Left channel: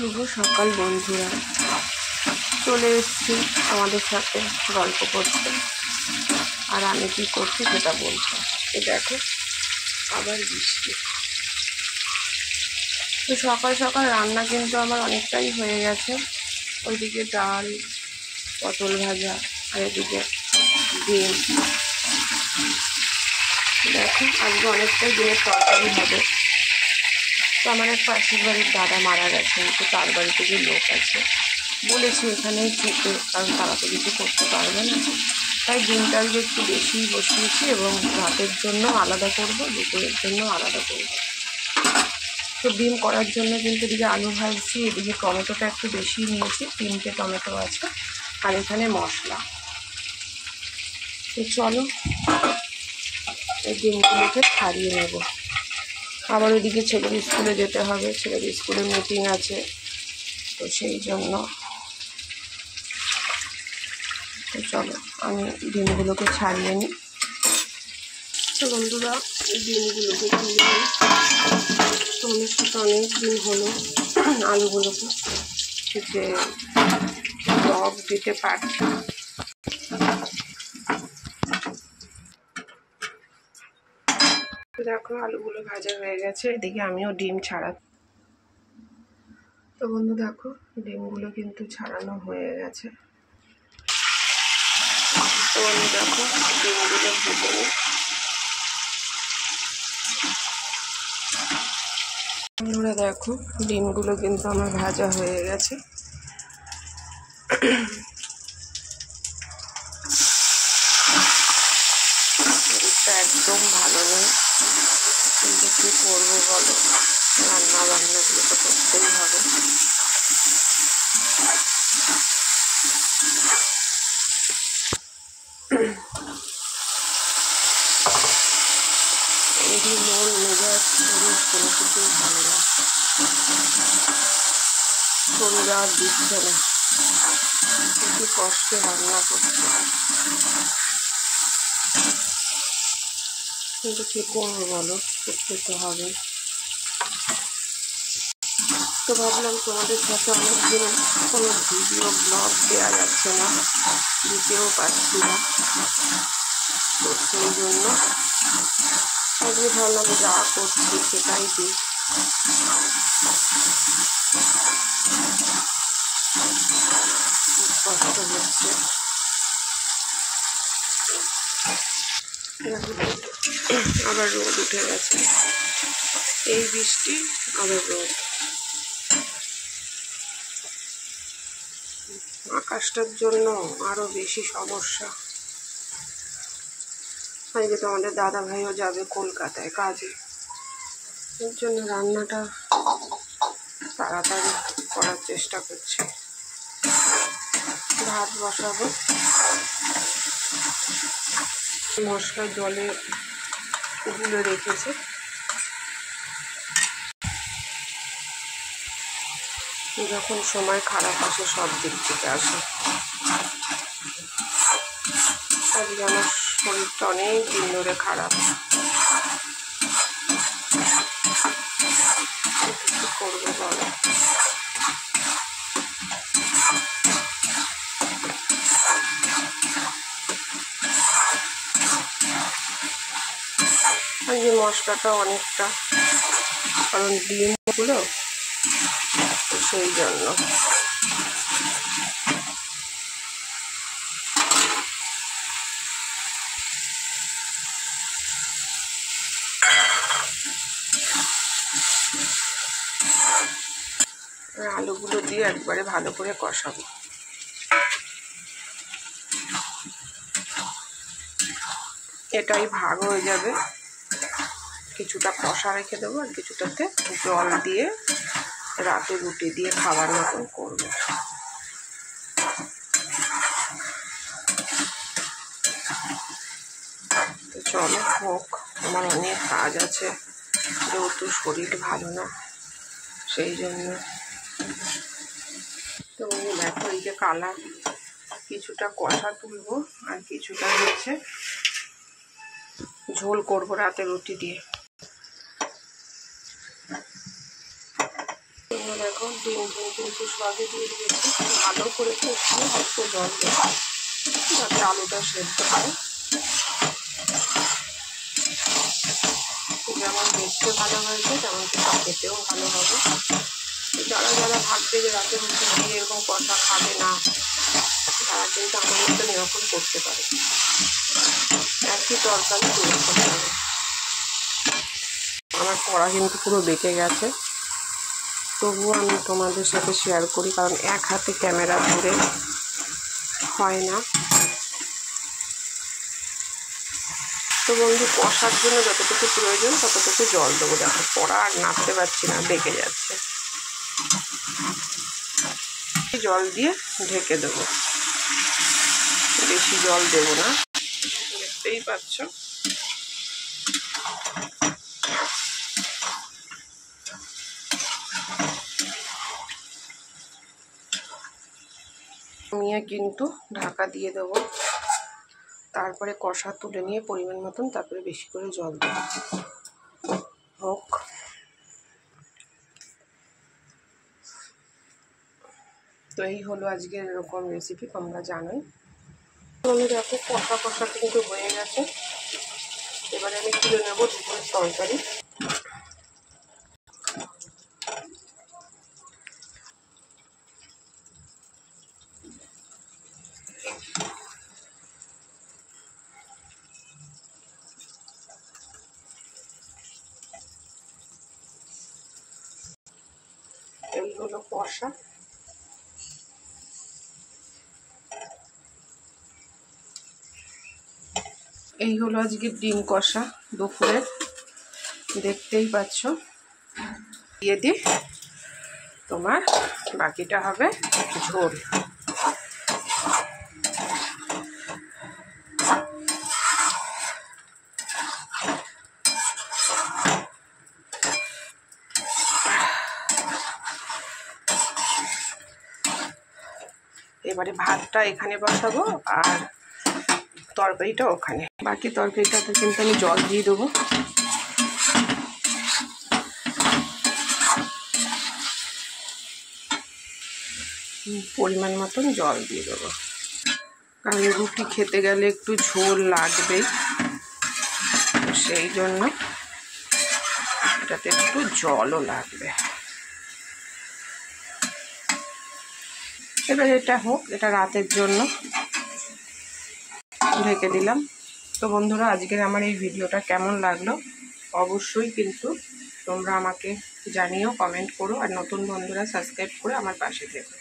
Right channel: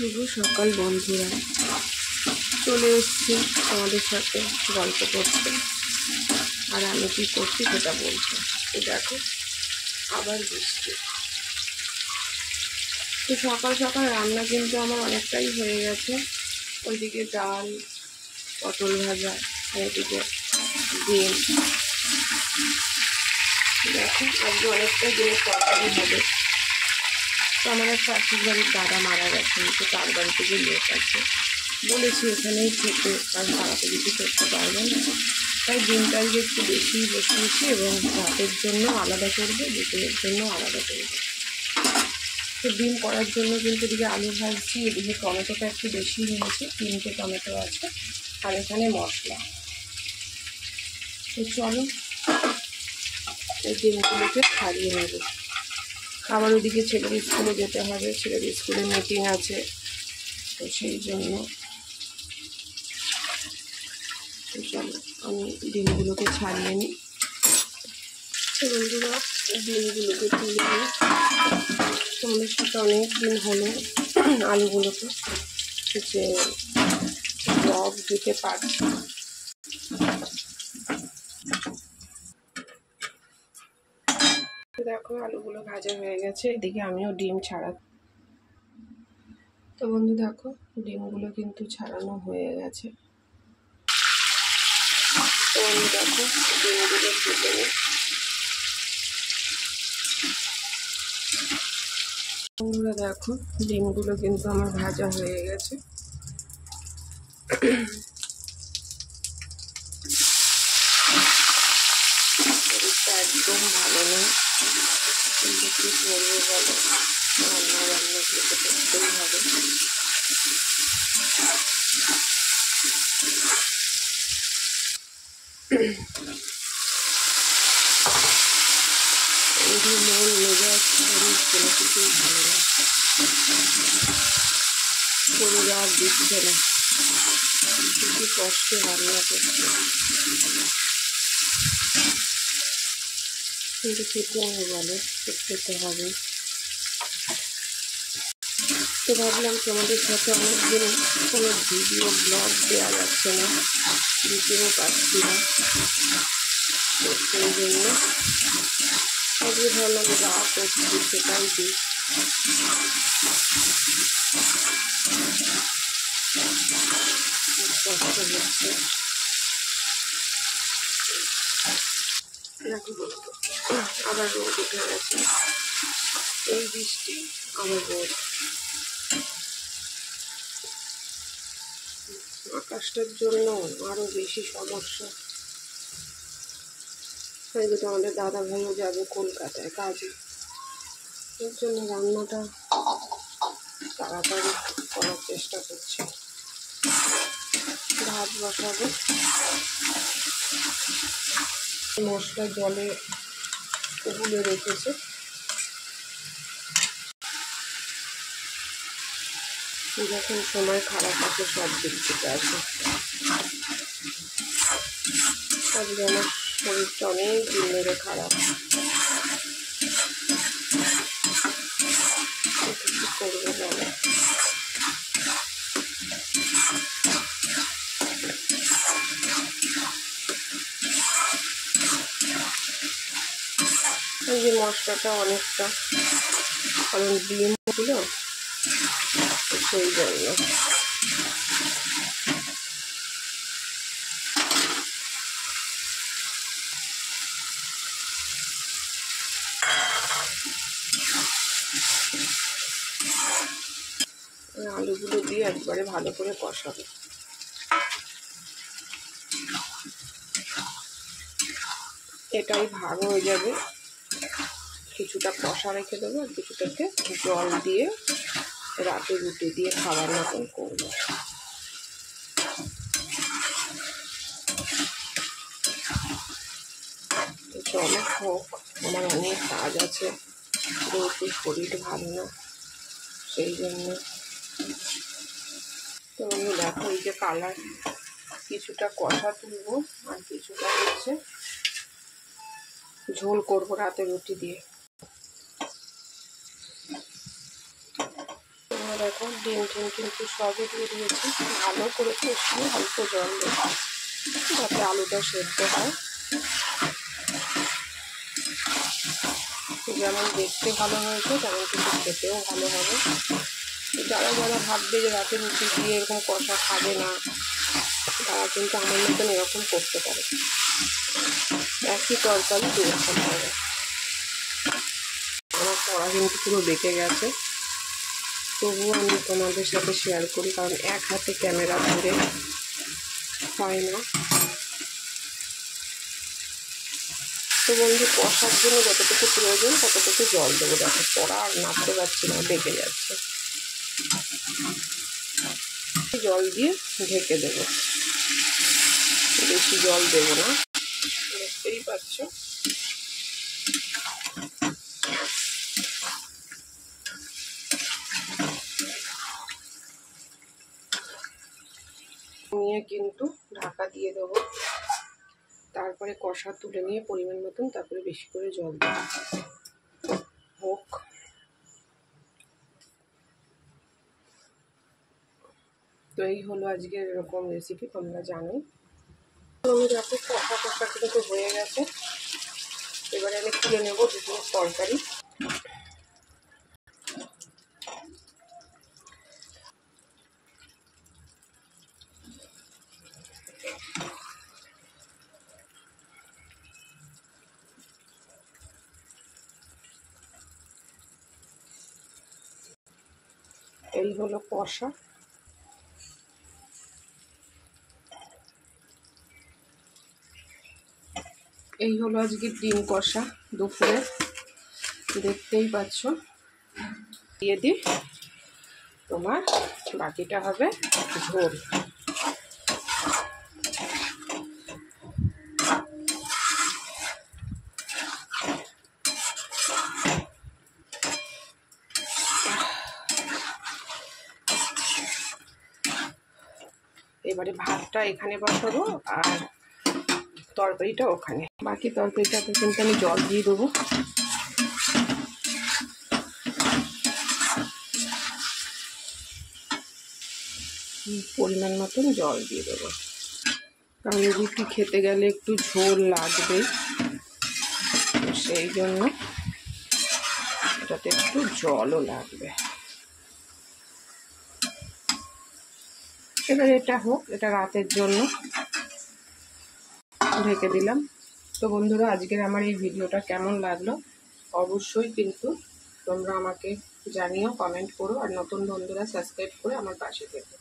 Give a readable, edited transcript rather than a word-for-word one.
শুভ সকাল বন্ধুরা, চলে এসেছি তোমাদের সাথে গল্প করতে। আর আমি কী করছি সেটা বলবো। এই দেখো আবার বৃষ্টি। তো সকাল সকাল রান্না কিন্তু আমার অনেকটাই হয়ে গেছে। ওইদিকে ডাল, পটল ভাজা, আর এদিকে ডিম। দেখো আজকে অনেকটাই ডিমের তরকারি হবে। তো আমার এক পাশের বাড়ির দাদা মারা গেছেন, তো তার বাড়িতে যে লোক আছে বলেছি এখানেই খেতে, কারণ তারা তো কিছু করতে পারবে না। তাই ডিমটা একটু বেশিই বসিয়েছি এবং রাতের জন্য আলাদা করবো, দুপুরের জন্য আলাদা করবো। তো ডিম করার জন্য কিন্তু এদিকে আলু ভাজছি, এদিকে টমেটোটা একটু বেশি নিয়েছি, 3টে টমেটো আছে, আর এখানে মশলা। তো চলো এই ডিমগুলোকে ছাড়িয়ে নেব। আবার ওইদিকে ছেলের স্কুলে যেতে হবে, ছেলের স্কুলে মিটিং আছে, তো সেই জন্য। তো চলো আমি ডিমগুলোকে ছাড়িয়ে নিই। তো বন্ধুরা ডিমগুলোকে তুলে নিই। তোমাদের সাথে অনেক দিন হলো আলুগুলোকে যে ব্লগ দিতে পারছি। দেখো আলুগুলো ভাজা হয়ে গেছে, এদিকে আমিও ডিম ছাড়া। তো বন্ধু দেখো ডিমগুলো কিন্তু ছাড়ানো হয়ে গেছে। তো বন্ধু দেখো ডিমগুলো ভেজে নিই। বন্ধুরা দেখো ডিমগুলো কিন্তু আমার ভাজা হয়ে গেছে। শরীরটা একদম ভালো নেই, কিন্তু কী করবো বলো, রান্নাগুলো তো করতেই হবে। এই মন মেজাজ শরীর কোনো কিছুই ভালো না, শরীর আর দিচ্ছে না, খুবই কষ্টে রান্না করছে, কিন্তু কী করবো বলো, করতে তো হবে। তো ভাবলাম তোমাদের সাথে অনেকদিন কোনো ভিডিও ব্লগ দেওয়া যাচ্ছে না, দিতেও পারছি না, তো সেই জন্য আজকে ভাবলাম যা করছি সেটাই দিই। খুব কষ্ট হচ্ছে। আবার রোদ উঠে গেছে, এই বৃষ্টি আবার রোদ। আকাশটার জন্য আরো বেশি সমস্যা। আজকে তো আমাদের দাদা ভাইও যাবে কলকাতায় কাজে, এর জন্য রান্নাটা তাড়াতাড়ি করার চেষ্টা করছি। ভাত বসাবো, মশলা জলে গুলে রেখেছে, যখন সময় খারাপ আসে সব দিক থেকে আসে। আজকে আমার শরীরটা অনেক দিন ধরে খারাপ, কি করবো বলো। আজকে মশলাটা অনেকটা, কারণ ডিমগুলো, সেই জন্য। আলুগুলো দিয়ে একবারে ভালো করে কষাবো। এটাই ভাগ হয়ে যাবে, কিছুটা কষা রেখে দেবো আর কিছুটাতে জল দিয়ে রাতে রুটি দিয়ে খাবার মতন করবো। তো চলো হোক, আমার অনেক কাজ আছে, যেহেতু শরীর ভালো না সেই জন্য। তো দেখো এই যে কালার, কিছুটা কষা তুলবো আর কিছুটা হচ্ছে ঝোল করবো রাতে রুটি দিয়ে। দেখো ডিম কিন্তু সবই দিয়ে দিয়েছি, ভালো করে কষিয়ে অল্প জল দেবো যাতে আলুটা সেদ্ধ হয়। যেমন দেখতে ভালো হয়েছে তেমন কিন্তু খেতেও ভালো হবে। যারা যারা ভাববে যে রাতে রুটি দিয়ে এরকম কষা খাবে না, তারা কিন্তু আমার মতন এরকম করতে পারে, একই তরকারি দিয়ে খেতে হবে। আমার কড়া কিন্তু পুরো বেঁকে গেছে, তবুও আমি তোমাদের সাথে শেয়ার করি, কারণ এক হাতে ক্যামেরা ধরে হয় না। তো বন্ধু, কষার জন্য যতটুকু প্রয়োজন ততটুকু জল দেবো। দেখো কড়া আর নাড়তে পারছি না, বেঁকে যাচ্ছে। জল দিয়ে ঢেকে দেবো, বেশি জল দেবো না, দেখতেই পাচ্ছ। নিয়ে কিন্তু ঢাকা দিয়ে দেবো, তারপরে কষা তুলে নিয়ে পরিমাণ মতন তারপরে বেশি করে জল দেবো। হোক, তো এই হলো আজকের এরকম রেসিপি, তোমরা জানোই। আমি দেখো কষা কষা কিন্তু হয়ে গেছে, এবারে আমি তুলে নেবো দুপুরের তরকারি। এই হলো কষা, এই হলো আজকে ডিম কষা দুপুরে, দেখতেই পাচ্ছ। দিয়ে দিই, তোমার বাকিটা হবে ঝোল। এবারে ভাতটা এখানে বসাবো আর তরকারিটা ওখানে। বাকি তরকারিটাতে কিন্তু আমি জল দিয়ে দেবো। পরিমাণ মতন জল দিয়ে দেবো, কারণ রুটি খেতে গেলে একটু ঝোল লাগবেই, সেই জন্য এটাতে একটু জলও লাগবে। এবার এটা হোক, এটা রাতের জন্য ঢেকে দিলাম। তো বন্ধুরা, আজকের আমার এই ভিডিওটা কেমন লাগলো অবশ্যই কিন্তু তোমরা আমাকে জানিও, কমেন্ট করো, আর নতুন বন্ধুরা সাবস্ক্রাইব করে আমার পাশে থেকো।